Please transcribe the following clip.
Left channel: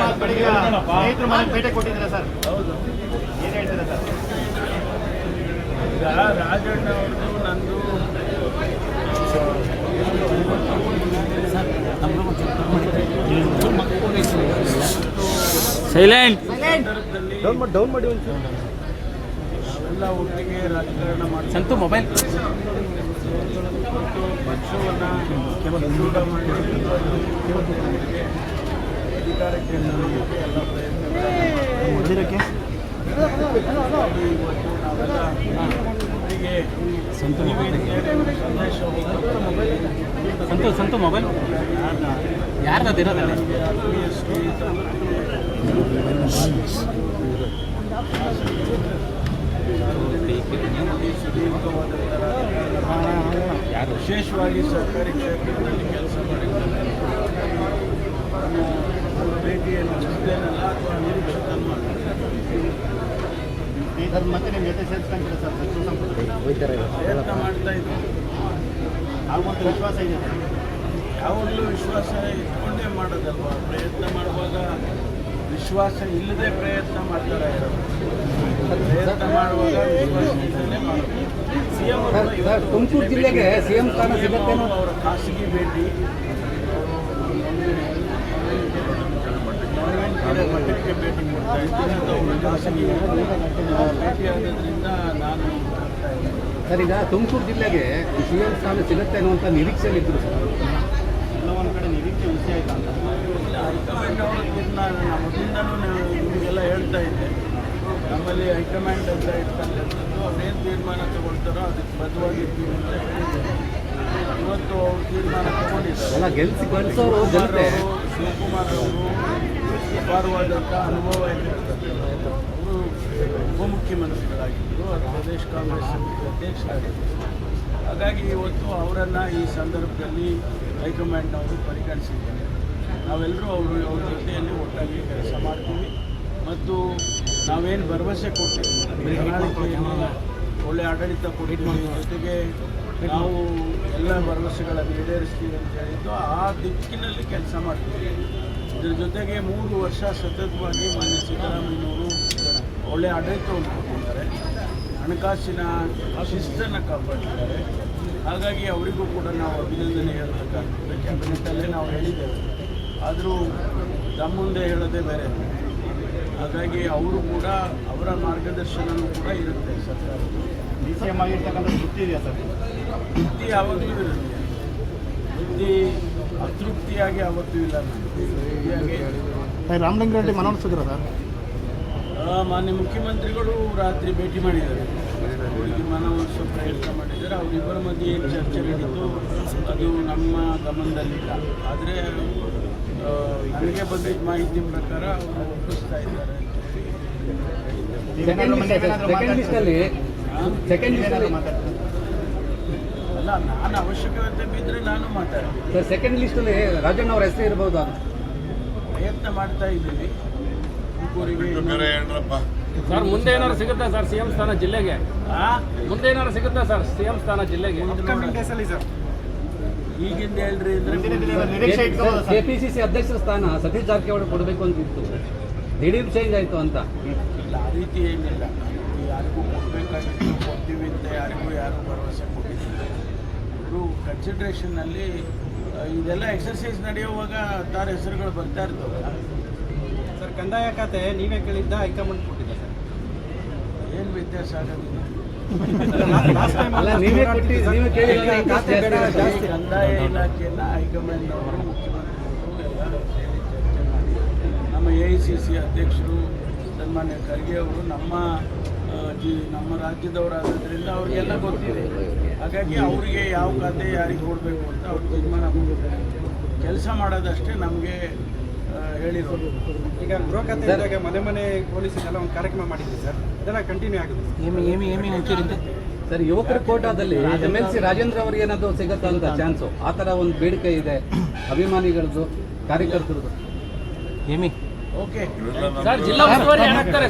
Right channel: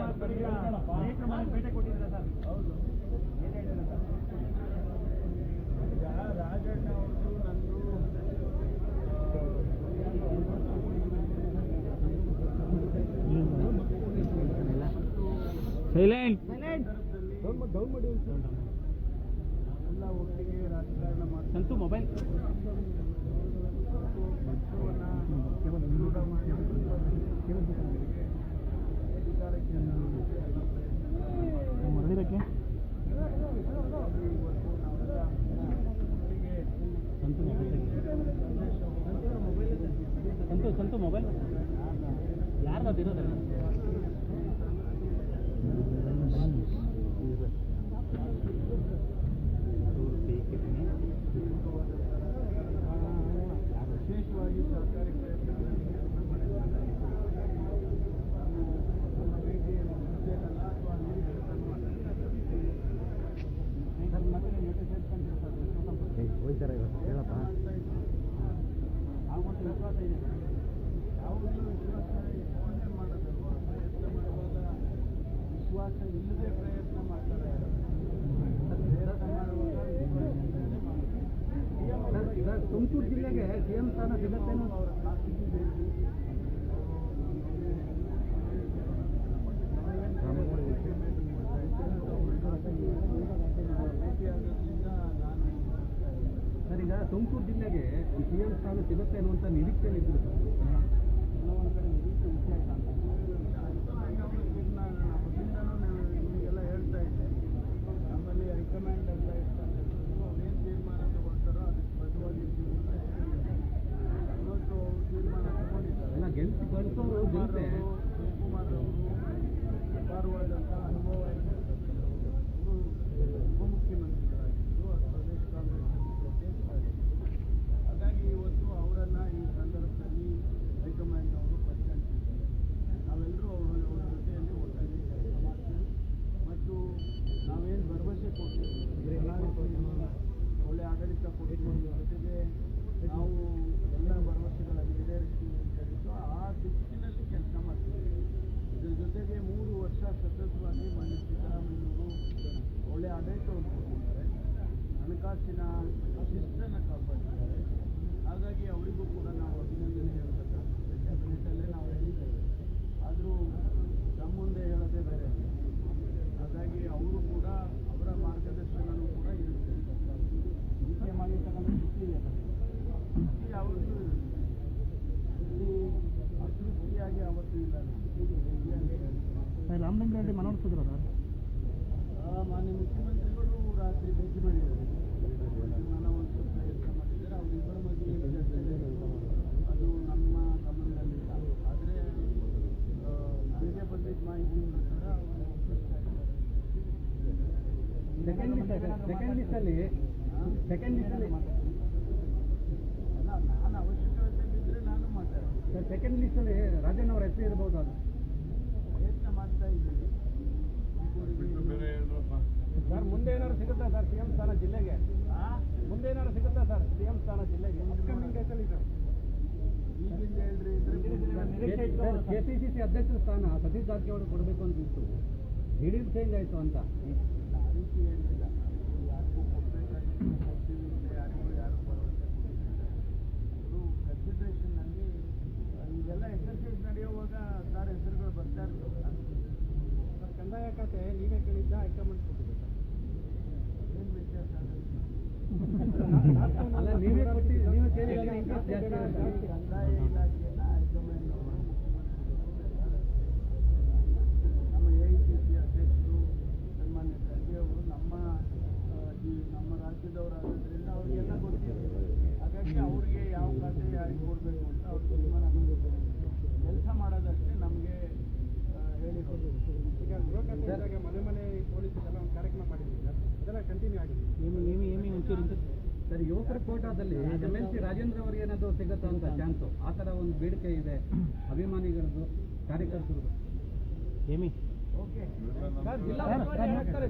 ಸ್ನೇಹಿತರು ಮನೆಗೆ ಭೇಟಿ ಕೊಟ್ಟಿದ್ದೀರಾ ಸರ್? ಹೌದು. ಏನು ಹೇಳ್ತೀರಾ ಸರ್? ಈಗ ರಾಜಣ್ಣ ಅವ್ರದ್ದು ನಂದು ಸೈಲೆಂಟ್ ಡೌನ್ ಮಾಡಿ ನಾವೆಲ್ಲ ಒಟ್ಟಿಗೆ ರಾಜಕಾರಣ ಮಾಡ್ತೀವಿ. ಸಂತು ಮೊಬೈಲ್ ಪಕ್ಷವನ್ನು ದೃಢ ಮಾಡಿ ಅಧಿಕಾರಕ್ಕೆ ತರಲಿಕ್ಕೆ ಎಲ್ಲ ಪ್ರಯತ್ನ ಇವತ್ತು ನಾವೆಲ್ಲ ಒಟ್ಟಿಗೆ ಸಂದೇಶ ಸಂತು ಮೊಬೈಲ್ ಯಾರ್ದಿರೋದಲ್ಲ ವಿಶೇಷವಾಗಿ ಸರ್ಕಾರಿ ಕ್ಷೇತ್ರದಲ್ಲಿ ಕೆಲಸ ಮಾಡಿದ್ದಾರೆ. ಭೇಟಿಯನ್ನು ಅಷ್ಟೇನಲ್ಲ ಅಥವಾ ನಿರೀಕ್ಷಿತನ್ನು ಸ್ನೇಹಿತರು ಮತ್ತೆ ನಿಮ್ಮ ಜೊತೆ ಸೇರಿಸ್ಕೊಂತೀರಾ ಸರ್? ಸಚಿವ ಸಂಪುಟ ಪ್ರಯತ್ನ ಮಾಡ್ತಾ ಇದ್ದೀವಿ. ಆಗುವಂಥ ವಿಶ್ವಾಸ ಇದೆ ಸರ್? ಯಾವಾಗಲೂ ವಿಶ್ವಾಸ ಇಟ್ಕೊಂಡೇ ಮಾಡೋದಲ್ವಾ. ಪ್ರಯತ್ನ ಮಾಡುವಾಗ ವಿಶ್ವಾಸ ಇಲ್ಲದೆ ಪ್ರಯತ್ನ ಮಾಡ್ತಾರೆ. ಪ್ರಯತ್ನ ಮಾಡುವಾಗ ವಿಶ್ವಾಸ ಇಲ್ಲದೆ ಮಾಡಬೇಕು. ತುಮಕೂರು ಜಿಲ್ಲೆಗೆ ಸಿಎಂ ಸ್ಥಾನ ಸಿಗುತ್ತೇನೋ? ಅವರ ಖಾಸಗಿ ಭೇಟಿ ಮಟ್ಟಕ್ಕೆ ಭೇಟಿ ಕೊಡ್ತಾ ಇದ್ದೀನಿ. ಅದು ಅವರ ಖಾಸಗಿ ಭೇಟಿ ಆಗೋದ್ರಿಂದ ನಾನು ಸರ್, ಈಗ ತುಮಕೂರು ಜಿಲ್ಲೆಗೆ ಸಿಎಂ ಸ್ಥಾನ ಸಿಗುತ್ತೆ ಅನ್ನುವಂಥ ನಿರೀಕ್ಷೆಯಲ್ಲಿದ್ದರು ಸರ್. ಎಲ್ಲ ಒಂದು ಕಡೆ ನಿರೀಕ್ಷೆ ಹುಸಿ ಆಯ್ತಾ ಅಂತ? ಹೈಕಮಾಂಡ್ ಅವರ ತೀರ್ಮಾನ ಮೊದಲಿಂದನೂ ನಿಮಗೆಲ್ಲ ಹೇಳ್ತಾ ಇದ್ದೆ. ನಮ್ಮಲ್ಲಿ ಹೈಕಮಾಂಡ್ ಅಂತ ಇರ್ತಕ್ಕಂಥದ್ದು ಅವ್ರೇನು ತೀರ್ಮಾನ ತಗೊಳ್ತಾರೋ ಅದಕ್ಕೆ ಬದ್ಧವಾಗಿರ್ತೀವಿ ಅಂತ ಹೇಳಿದ್ದೆ. ಇವತ್ತು ಅವರು ತೀರ್ಮಾನ ತಗೊಂಡಿದ್ದಾರೆ. ಅಲ್ಲ, ಗೆಲ್ಸೋರು ಜನತೆ. ಶಿವಕುಮಾರ್ ಅವರು ಅಪಾರವಾದಂಥ ಅನುಭವ ಇರತಕ್ಕಂಥದ್ದು. ಅವರು ಉಪಮುಖ್ಯಮಂತ್ರಿಗಳಾಗಿದ್ದರು, ಪ್ರದೇಶ ಕಾಂಗ್ರೆಸ್ ಸಮಿತಿ ಅಧ್ಯಕ್ಷರಾಗಿದ್ದರು. ಹಾಗಾಗಿ ಇವತ್ತು ಅವರನ್ನು ಈ ಸಂದರ್ಭದಲ್ಲಿ ಹೈಕಮಾಂಡ್ನವರು ಪರಿಗಣಿಸಿದ್ದಾರೆ. ನಾವೆಲ್ಲರೂ ಅವ್ರ ಜೊತೆಯಲ್ಲಿ ಒಟ್ಟಾಗಿ ಕೆಲಸ ಮಾಡ್ತೀವಿ ಮತ್ತು ನಾವೇನು ಭರವಸೆ ಕೊಟ್ಟಿದ್ದೀವಿ, ಪ್ರಣಾಳಿಕೆಯನ್ನು ಒಳ್ಳೆಯ ಆಡಳಿತ ಕೊಟ್ಟಿದ್ದೀವಿ, ಜೊತೆಗೆ ನಾವು ಎಲ್ಲ ಭರವಸೆಗಳನ್ನು ಈಡೇರಿಸ್ತೀವಿ ಅಂತ ಹೇಳಿದ್ದು ಆ ದಿಕ್ಕಿನಲ್ಲಿ ಕೆಲಸ ಮಾಡ್ತೀವಿ. ಇದರ ಜೊತೆಗೆ 3 ವರ್ಷ ಸತತವಾಗಿ ಮಾನ್ಯ ಸಿದ್ದರಾಮಯ್ಯನವರು ಒಳ್ಳೆಯ ಆಡಳಿತವನ್ನು ಕೊಟ್ಟಿದ್ದಾರೆ, ಹಣಕಾಸಿನ ಶಿಸ್ತನ್ನು ಕಾಪಾಡಿದ್ದಾರೆ. ಹಾಗಾಗಿ ಅವರಿಗೂ ಕೂಡ ನಾವು ಅಭಿನಂದನೆ ಹೇಳಬೇಕಾಗ್ತದೆ. ಕ್ಯಾಬಿನೆಟ್ಟಲ್ಲೇ ನಾವು ಹೇಳಿದ್ದೇವೆ, ಆದರೂ ನಮ್ಮ ಮುಂದೆ ಹೇಳೋದೇ ಬೇರೆ. ಹಾಗಾಗಿ ಅವರು ಕೂಡ ಅವರ ಮಾರ್ಗದರ್ಶನವೂ ಕೂಡ ಇರುತ್ತೆ ಸರ್ಕಾರ. DCM ಆಗಿರ್ತಕ್ಕಂಥ ತೃಪ್ತಿ ಇದೆಯಾ ಸರ್? ತೃಪ್ತಿ ಯಾವಾಗಲೂ ಇರುತ್ತೆ. ತೃಪ್ತಿ ಅತೃಪ್ತಿಯಾಗಿ ಯಾವತ್ತೂ ಇಲ್ಲ. ರಾಮಲಿಂಗಾರೆಡ್ಡಿ ಮನವೊಲಿಸಿದ್ರು ಸರ್? ಮಾನ್ಯ ಮುಖ್ಯಮಂತ್ರಿಗಳು ರಾತ್ರಿ ಭೇಟಿ ಮಾಡಿದ್ದಾರೆ, ಅವರಿಗೆ ಮನವೊಲಿಸೋ ಪ್ರಯತ್ನ ಮಾಡಿದ್ದಾರೆ. ಅವರಿಬ್ಬರ ಮಧ್ಯೆ ಏನು ಚರ್ಚೆ ನಡೀತು ಅದು ನಮ್ಮ ಗಮನದಲ್ಲಿಲ್ಲ. ಆದರೆ ನನಗೆ ಬಂದಿದ್ದ ಮಾಹಿತಿ ಪ್ರಕಾರ ಅವರು ಒಪ್ಪಿಸ್ತಾ ಇದ್ದಾರೆ. ಅಲ್ಲ, ನಾನು ಅವಶ್ಯಕತೆ ಬಿದ್ದರೆ ನಾನು ಮಾತಾಡ್ತೀನಿ. ಸೆಕೆಂಡ್ ಲಿಸ್ಟಲ್ಲಿ ರಾಜಣ್ಣ ಅವರ ಹೆಸರು ಇರಬಹುದು. ಅದು ಪ್ರಯತ್ನ ಮಾಡ್ತಾ ಇದ್ದೀವಿ. ಸರ್, ಮುಂದೆ ಏನಾದ್ರು ಸಿಗುತ್ತಾ ಸರ್ ಸಿಎಂ ಸ್ಥಾನ ಜಿಲ್ಲೆಗೆ? ಮುಂದೆ ಏನಾದ್ರು ಸಿಗುತ್ತಾ ಸರ್ ಸಿಎಂ ಸ್ಥಾನ ಜಿಲ್ಲೆಗೆ? ಈಗಿಂದ ಹೇಳ್ರಿ ಅಂದ್ರೆ ಕೆಪಿಸಿಸಿ ಅಧ್ಯಕ್ಷರ ಸ್ಥಾನ ಸತೀಶ್ ಜಾರಕಿಹೊಳಿ ಕೊಡಬೇಕು ಅಂತಿತ್ತು, ದಿಢೀರ್ ಚೇಂಜ್ ಆಯಿತು ಅಂತ. ಇಲ್ಲ, ಆ ರೀತಿ ಏನಿಲ್ಲ. ಯಾರಿಗೂ ಕೊಡಬೇಕಾಗಿತ್ತು, ಕೊಡ್ತೀವಿ ಅಂತ ಯಾರಿಗೂ ಭರವಸೆ ಕೊಟ್ಟಿದ್ದಾರೆ. ಅವರು ಕನ್ಸಿಡ್ರೇಷನ್ನಲ್ಲಿ ಇದೆಲ್ಲ ಎಕ್ಸರ್ಸೈಸ್ ನಡೆಯುವಾಗ ತಾರ ಹೆಸರುಗಳು ಬರ್ತಾ ಇರ್ತವೆ. ಸರ್, ಕಂದಾಯ ಖಾತೆ ನೀವೇ ಕೇಳಿದ್ದ ಹೈಕಮಾಂಡ್ ಕೊಟ್ಟಿದ್ದೆ ಸರ್? ಏನು ವ್ಯತ್ಯಾಸ ಆಗೋದಿಲ್ಲ. ಕಂದಾಯ ಇಲಾಖೆಯನ್ನು ಹೈಕಮಾಂಡ್ನವರು ಮುಖ್ಯಮಂತ್ರಿಗಳು ಎಲ್ಲ ಸೇರಿ ಚರ್ಚೆ ಮಾಡಿ ನಮ್ಮ AICC ಅಧ್ಯಕ್ಷರು ಸನ್ಮಾನ್ಯ ಖರ್ಗೆ ಅವರು ನಮ್ಮ ರಾಜ್ಯದವರಾಗೋದ್ರಿಂದ ಅವರಿಗೆಲ್ಲ ಗೊತ್ತಿದೆ. ಹಾಗಾಗಿ ಅವರಿಗೆ ಯಾವ ಖಾತೆ ಯಾರಿಗೆ ಕೊಡಬೇಕು ಅಂತ ಅವ್ರು ತೀರ್ಮಾನ ಮಾಡಿದ್ದಾರೆ. ಕೆಲಸ ಮಾಡೋದಷ್ಟೇ ನಮಗೆ ಹೇಳಿರೋದು. ಈಗ ಗೃಹ ಖಾತೆ ಮನೆ ಪೊಲೀಸರಿಗೆಲ್ಲ ಒಂದು ಕಾರ್ಯಕ್ರಮ ಮಾಡಿದ್ವಿ ಸರ್, ಇದೆಲ್ಲ ಕಂಟಿನ್ಯೂ ಆಗುತ್ತೆ ಸರ್. ಯುವಕರ ಕೋಟಾದಲ್ಲಿ MLC ರಾಜೇಂದ್ರ ಅವರಿಗೆ ಏನಾದರೂ ಸಿಗುತ್ತಾ ಅಂತ ಚಾನ್ಸು? ಆ ಥರ ಒಂದು ಬೇಡಿಕೆ ಇದೆ ಅಭಿಮಾನಿಗಳದ್ದು, ಕಾರ್ಯಕರ್ತರದ್ದು. ಓಕೆ ಸರ್, ಜಿಲ್ಲಾ ಉಸ್ತುವಾರಿ ಏನಾಗ್ತಾರೆ?